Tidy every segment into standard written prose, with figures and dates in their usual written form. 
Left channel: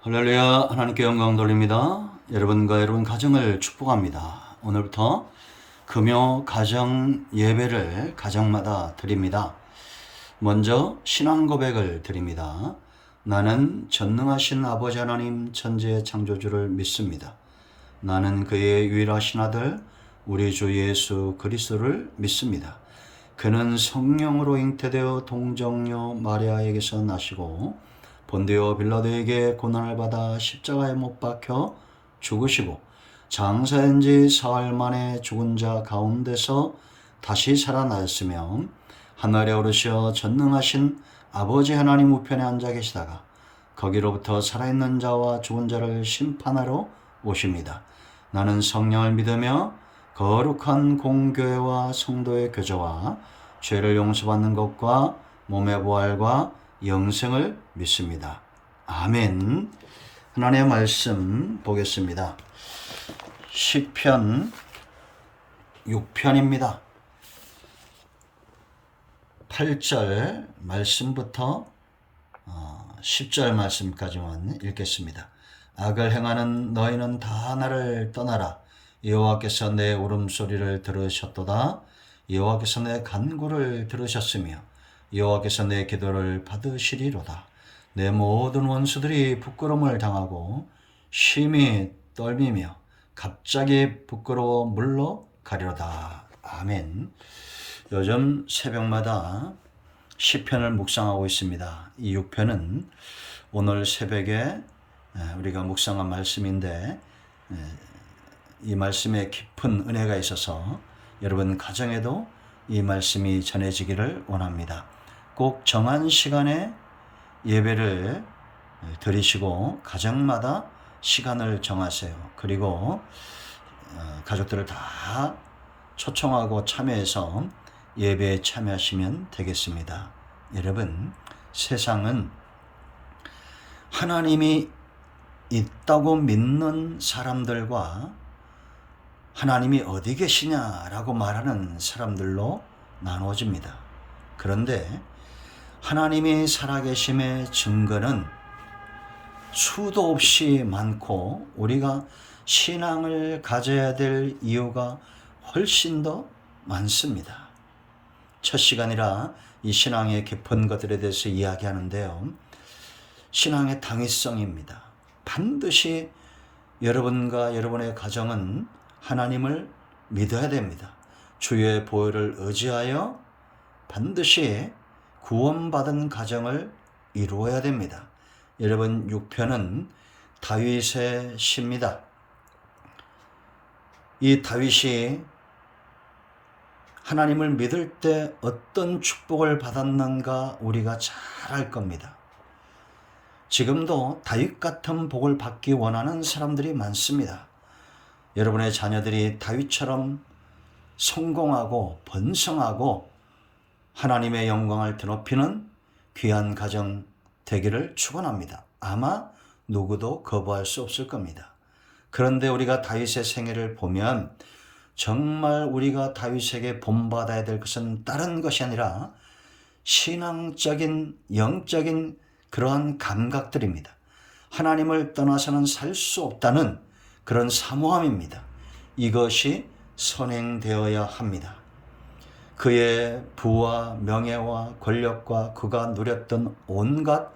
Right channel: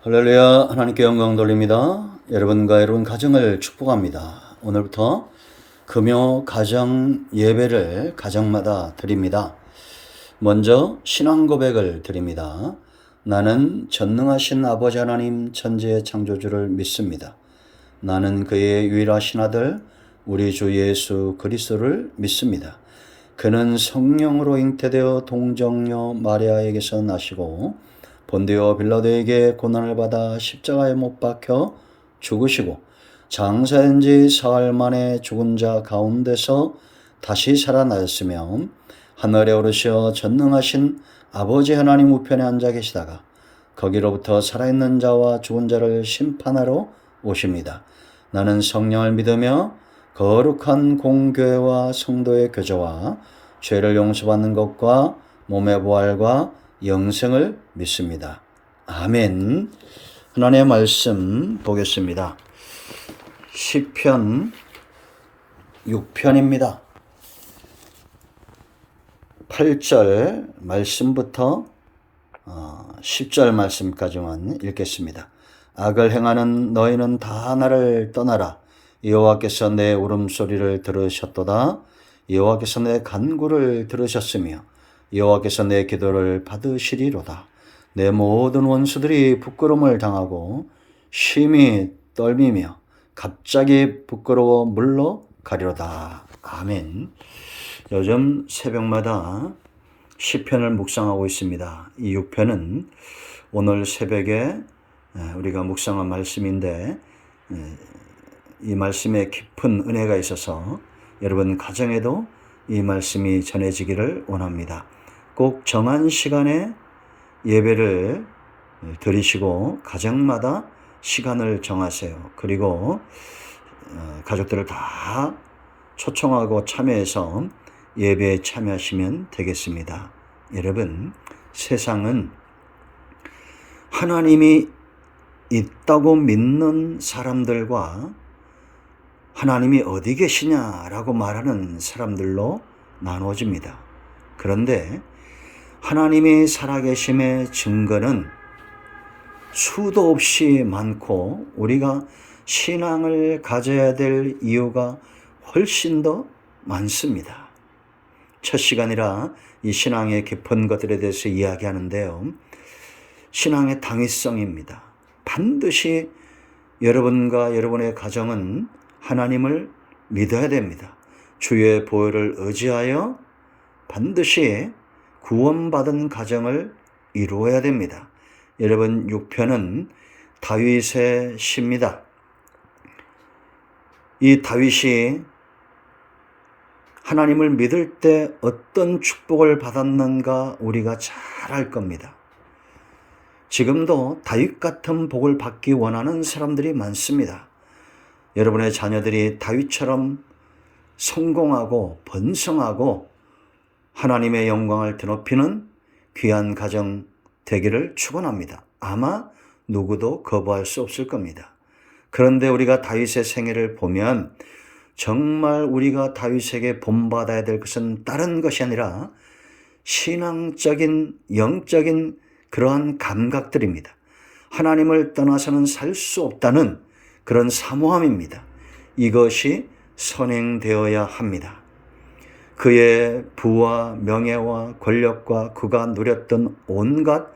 할렐루야. 하나님께 영광 돌립니다. 여러분과 여러분 가정을 축복합니다. 오늘부터 금요 가정 예배를 가정마다 드립니다. 먼저 신앙 고백을 드립니다. 나는 전능하신 아버지 하나님 천지의 창조주를 믿습니다. 나는 그의 유일하신 아들 우리 주 예수 그리스도를 믿습니다. 그는 성령으로 잉태되어 동정녀 마리아에게서 나시고 본디오 빌라도에게 고난을 받아 십자가에 못 박혀 죽으시고 장사한 지 사흘 만에 죽은 자 가운데서 다시 살아나셨으며 하늘에 오르셔 전능하신 아버지 하나님 우편에 앉아 계시다가 거기로부터 살아있는 자와 죽은 자를 심판하러 오십니다. 나는 성령을 믿으며 거룩한 공교회와 성도의 교제와 죄를 용서받는 것과 몸의 부활과 영생을 믿습니다. 아멘. 하나님의 말씀 보겠습니다. 시편 6편입니다. 8절 말씀부터 10절 말씀까지만 읽겠습니다. 악을 행하는 너희는 다 나를 떠나라. 여호와께서 내 울음소리를 들으셨도다. 여호와께서 내 간구를 들으셨으며 여호와께서 내 기도를 받으시리로다. 내 모든 원수들이 부끄러움을 당하고 심히 떨미며 갑자기 부끄러워 물러가리로다. 아멘. 요즘 새벽마다 시편을 묵상하고 있습니다. 이 6편은 오늘 새벽에 우리가 묵상한 말씀인데 이 말씀에 깊은 은혜가 있어서 여러분 가정에도 이 말씀이 전해지기를 원합니다. 꼭 정한 시간에 예배를 드리시고 가정마다 시간을 정하세요. 그리고 가족들을 다 초청하고 참여해서 예배에 참여하시면 되겠습니다. 여러분, 세상은 하나님이 있다고 믿는 사람들과 하나님이 어디 계시냐라고 말하는 사람들로 나누어집니다. 그런데 하나님이 살아계심의 증거는 수도 없이 많고 우리가 신앙을 가져야 될 이유가 훨씬 더 많습니다. 첫 시간이라 이 신앙의 깊은 것들에 대해서 이야기하는데요. 신앙의 당위성입니다. 반드시 여러분과 여러분의 가정은 하나님을 믿어야 됩니다. 주의 보혈을 의지하여 반드시 구원받은 가정을 이루어야 됩니다. 여러분 6편은 다윗의 시입니다. 이 다윗이 하나님을 믿을 때 어떤 축복을 받았는가 우리가 잘 알 겁니다. 지금도 다윗 같은 복을 받기 원하는 사람들이 많습니다. 여러분의 자녀들이 다윗처럼 성공하고 번성하고 하나님의 영광을 드높이는 귀한 가정 되기를 축원합니다. 아마 누구도 거부할 수 없을 겁니다. 그런데 우리가 다윗의 생애를 보면 정말 우리가 다윗에게 본받아야 될 것은 다른 것이 아니라 신앙적인 영적인 그러한 감각들입니다. 하나님을 떠나서는 살 수 없다는 그런 사모함입니다. 이것이 선행되어야 합니다. 그의 부와 명예와 권력과 그가 누렸던 온갖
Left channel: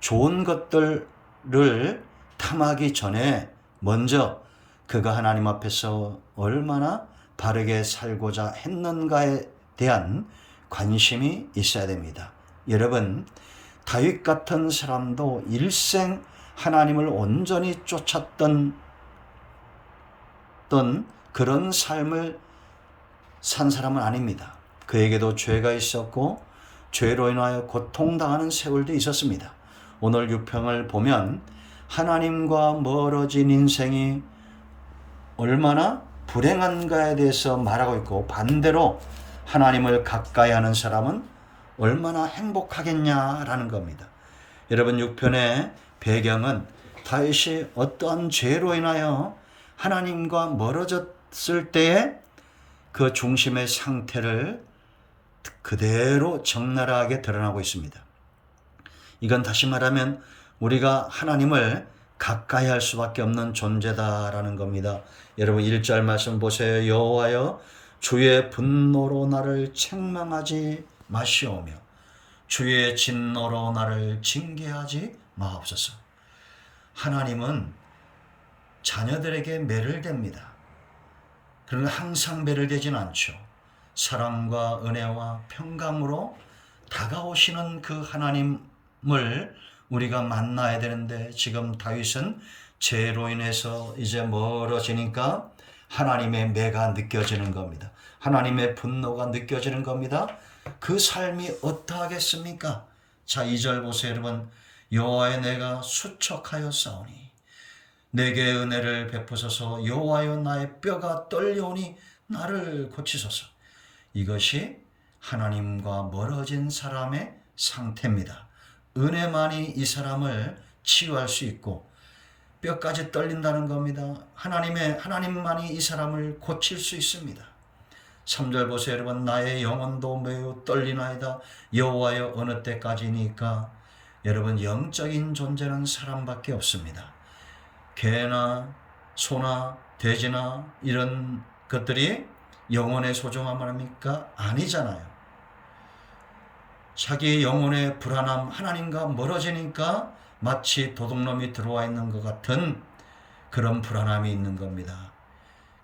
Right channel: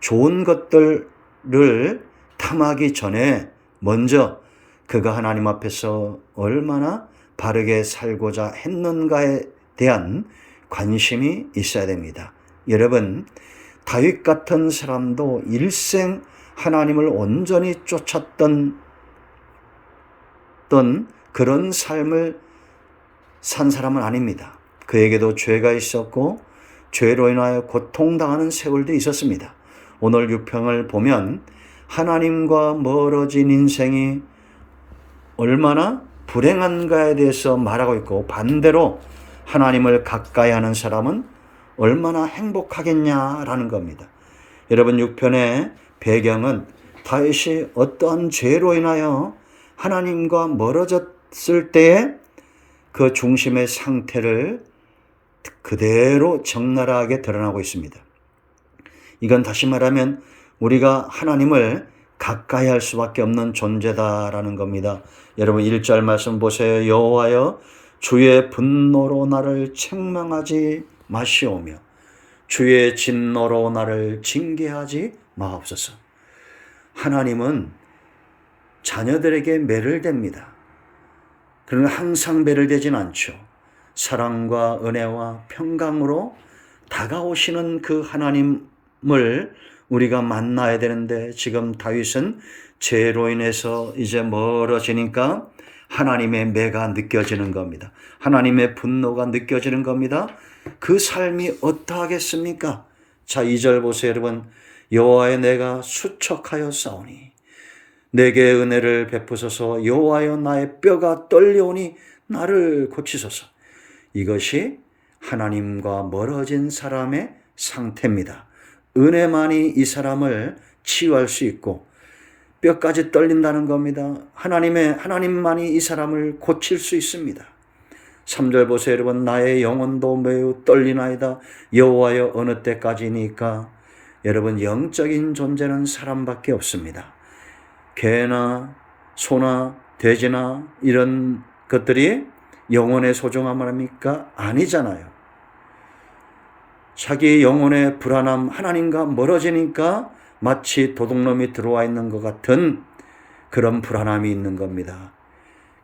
좋은 것들을 탐하기 전에 먼저 그가 하나님 앞에서 얼마나 바르게 살고자 했는가에 대한 관심이 있어야 됩니다. 여러분, 다윗 같은 사람도 일생 하나님을 온전히 쫓았던 그런 삶을 산 사람은 아닙니다. 그에게도 죄가 있었고 죄로 인하여 고통당하는 세월도 있었습니다. 오늘 6편을 보면 하나님과 멀어진 인생이 얼마나 불행한가에 대해서 말하고 있고 반대로 하나님을 가까이 하는 사람은 얼마나 행복하겠냐라는 겁니다. 여러분 6편의 배경은 다윗이 어떠한 죄로 인하여 하나님과 멀어졌을 때에 그 중심의 상태를 그대로 적나라하게 드러나고 있습니다. 이건 다시 말하면 우리가 하나님을 가까이 할 수밖에 없는 존재다라는 겁니다. 여러분 1절 말씀 보세요. 여호와여 주의 분노로 나를 책망하지 마시오며 주의 진노로 나를 징계하지 마옵소서. 하나님은 자녀들에게 매를댑니다. 그러나 항상 매를대진 않죠. 사랑과 은혜와 평강으로 다가오시는 그 하나님을 우리가 만나야 되는데 지금 다윗은 죄로 인해서 이제 멀어지니까 하나님의 매가 느껴지는 겁니다. 하나님의 분노가 느껴지는 겁니다. 그 삶이 어떠하겠습니까? 자, 2절 보세요, 여러분. 여호와여 내가 수척하여 싸우니 내게 은혜를 베푸소서. 여호와여 나의 뼈가 떨려오니 나를 고치소서. 이것이 하나님과 멀어진 사람의 상태입니다. 은혜만이 이 사람을 치유할 수 있고 뼈까지 떨린다는 겁니다. 하나님만이 이 사람을 고칠 수 있습니다. 3절 보세요, 여러분. 나의 영혼도 매우 떨리나이다. 여호와여 어느 때까지니까. 여러분 영적인 존재는 사람밖에 없습니다. 개나 소나 돼지나 이런 것들이 영혼의 소중함을 합니까? 아니잖아요. 자기 영혼의 불안함, 하나님과 멀어지니까 마치 도둑놈이 들어와 있는 것 같은 그런 불안함이 있는 겁니다.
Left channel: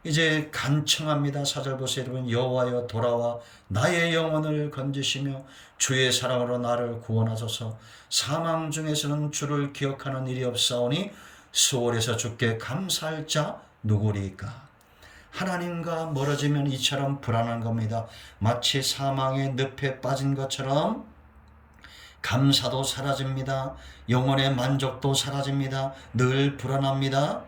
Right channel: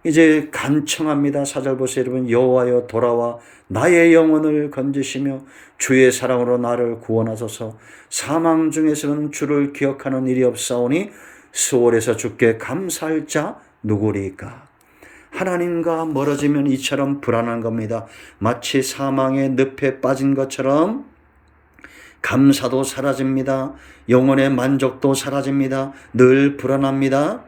이제 간청합니다. 4절 보세요, 여러분. 여호와여 돌아와 나의 영혼을 건지시며 주의 사랑으로 나를 구원하소서. 사망 중에서는 주를 기억하는 일이 없사오니 수월에서 주께 감사할 자 누구리까? 하나님과 멀어지면 이처럼 불안한 겁니다. 마치 사망의 늪에 빠진 것처럼 감사도 사라집니다. 영혼의 만족도 사라집니다. 늘 불안합니다.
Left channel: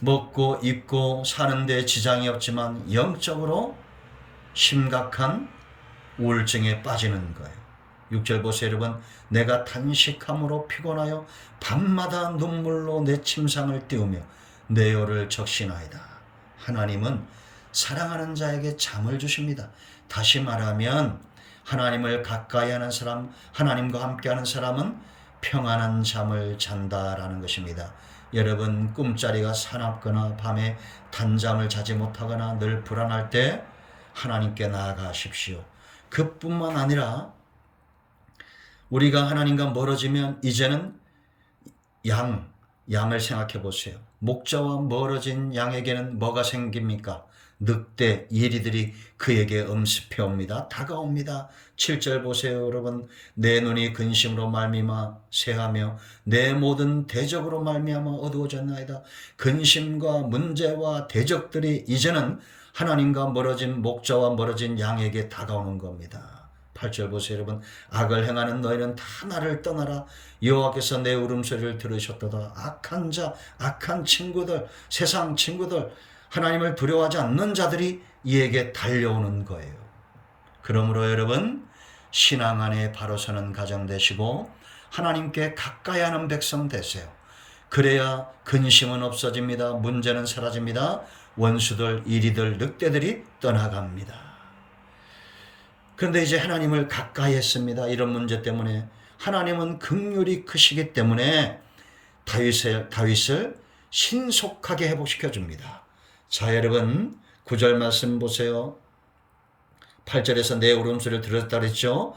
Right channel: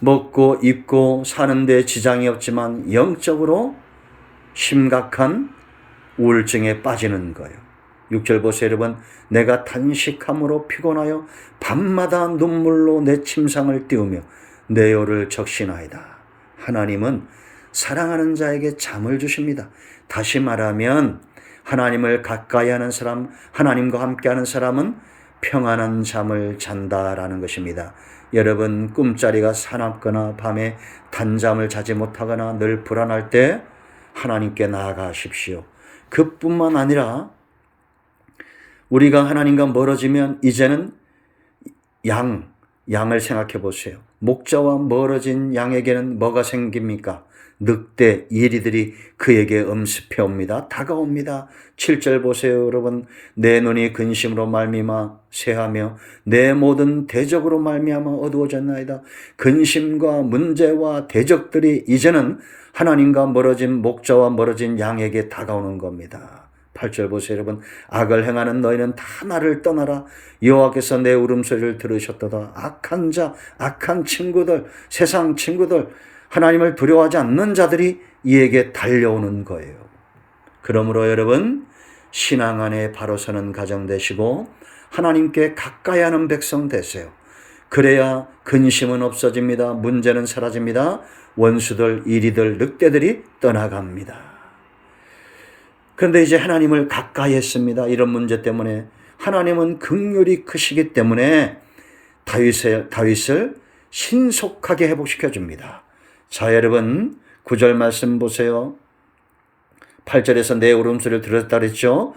먹고 입고 사는데 지장이 없지만 영적으로 심각한 우울증에 빠지는 거예요. 6절 보세요, 여러분. 내가 단식함으로 피곤하여 밤마다 눈물로 내 침상을 띄우며 내 혀를 적시나이다. 하나님은 사랑하는 자에게 잠을 주십니다. 다시 말하면 하나님을 가까이 하는 사람, 하나님과 함께하는 사람은 평안한 잠을 잔다라는 것입니다. 여러분 꿈자리가 사납거나 밤에 단잠을 자지 못하거나 늘 불안할 때 하나님께 나아가십시오. 그뿐만 아니라 우리가 하나님과 멀어지면 이제는 양을 생각해 보세요. 목자와 멀어진 양에게는 뭐가 생깁니까? 늑대, 이리들이 그에게 음습해 옵니다. 다가옵니다. 7절 보세요, 여러분. 내 눈이 근심으로 말미암아 새하며 내 모든 대적으로 말미암아 어두워졌나이다. 근심과 문제와 대적들이 이제는 하나님과 멀어진 목자와 멀어진 양에게 다가오는 겁니다. 8절 보세요, 여러분. 악을 행하는 너희는 다 나를 떠나라. 여호와께서 내 울음소리를 들으셨도다. 악한 자, 악한 친구들, 세상 친구들, 하나님을 두려워하지 않는 자들이 이에게 달려오는 거예요. 그러므로 여러분 신앙 안에 바로 서는 가정 되시고 하나님께 가까이 하는 백성 되세요. 그래야 근심은 없어집니다. 문제는 사라집니다. 원수들, 이리들, 늑대들이 떠나갑니다. 그런데 이제 하나님을 가까이 했습니다. 이런 문제 때문에 하나님은 긍휼이 크시기 때문에 다윗을 신속하게 회복시켜 줍니다. 자, 여러분 9절 말씀 보세요. 8절에서 내 울음소리를 들었다 그랬죠.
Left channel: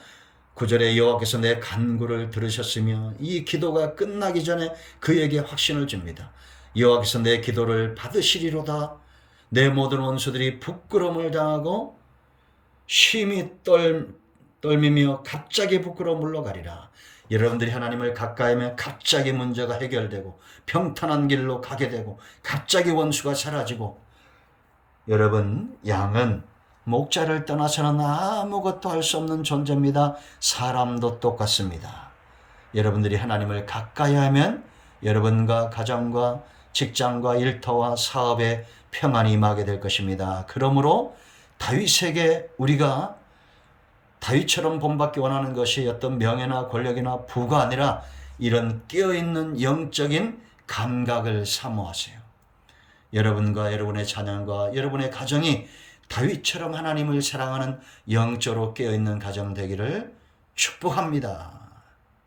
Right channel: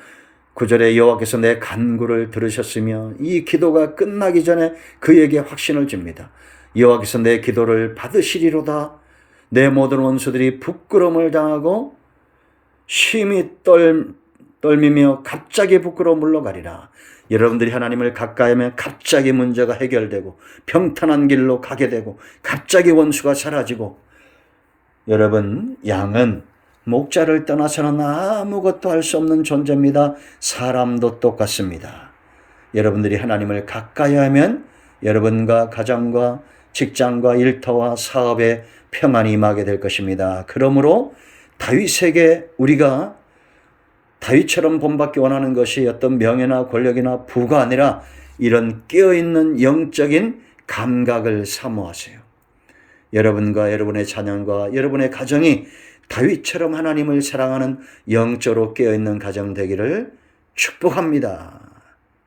9절에 여호와께서 내 간구를 들으셨으며 이 기도가 끝나기 전에 그에게 확신을 줍니다. 여호와께서 내 기도를 받으시리로다. 내 모든 원수들이 부끄러움을 당하고 심히 떨미며 갑자기 부끄러워 물러가리라. 여러분들이 하나님을 가까이 하면 갑자기 문제가 해결되고 평탄한 길로 가게 되고 갑자기 원수가 사라지고, 여러분 양은 목자를 떠나서는 아무것도 할 수 없는 존재입니다. 사람도 똑같습니다. 여러분들이 하나님을 가까이 하면 여러분과 가정과 직장과 일터와 사업에 평안이 임하게 될 것입니다. 그러므로 다윗에게 우리가 다윗처럼 본받기 원하는 것이 어떤 명예나 권력이나 부가 아니라 이런 깨어있는 영적인 감각을 사모하세요. 여러분과 여러분의 자녀과 여러분의 가정이 다윗처럼 하나님을 사랑하는 영적으로 깨어있는 가정 되기를 축복합니다.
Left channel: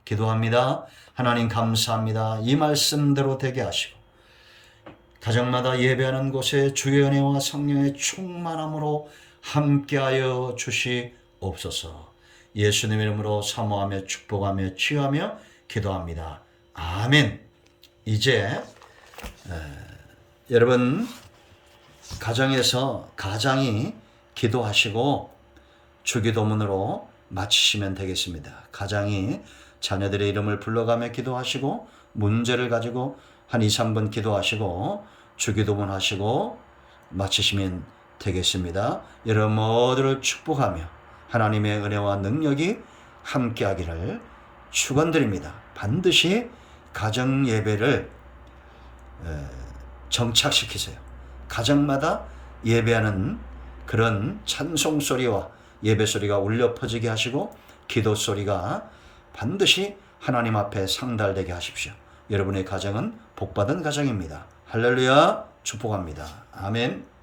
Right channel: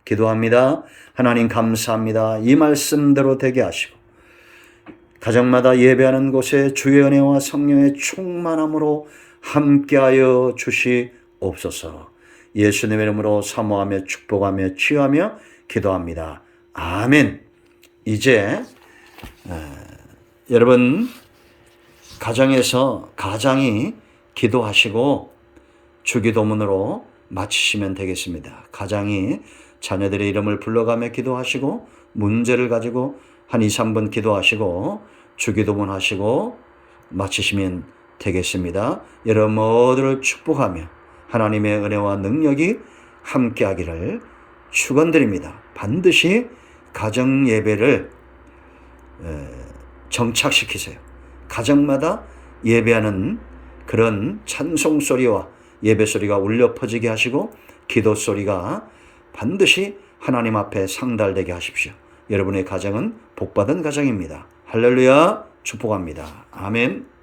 기도합니다. 하나님 감사합니다. 이 말씀대로 되게 하시고 가정마다 예배하는 곳에 주의 은혜와 성령의 충만함으로 함께하여 주시옵소서. 예수님의 이름으로 사모하며 축복하며 치유하며 기도합니다. 아멘. 이제 여러분 가정에서 가장이 기도하시고 주기도문으로 마치시면 되겠습니다. 가장이 자녀들의 이름을 불러가며 기도하시고 문제를 가지고 한 2, 3분 기도하시고 주기도문 하시고 마치시면 되겠습니다. 여러분 모두를 축복하며 하나님의 은혜와 능력이 함께하기를 축원드립니다. 반드시 가정 예배를 정착시키세요. 가정마다 예배하는 그런 찬송 소리와 예배 소리가 울려 퍼지게 하시고 기도 소리가 반드시 하나님 앞에 상달되게 하십시오. 여러분의 가정은 복받은 가정입니다. 할렐루야, 축복합니다. 아멘.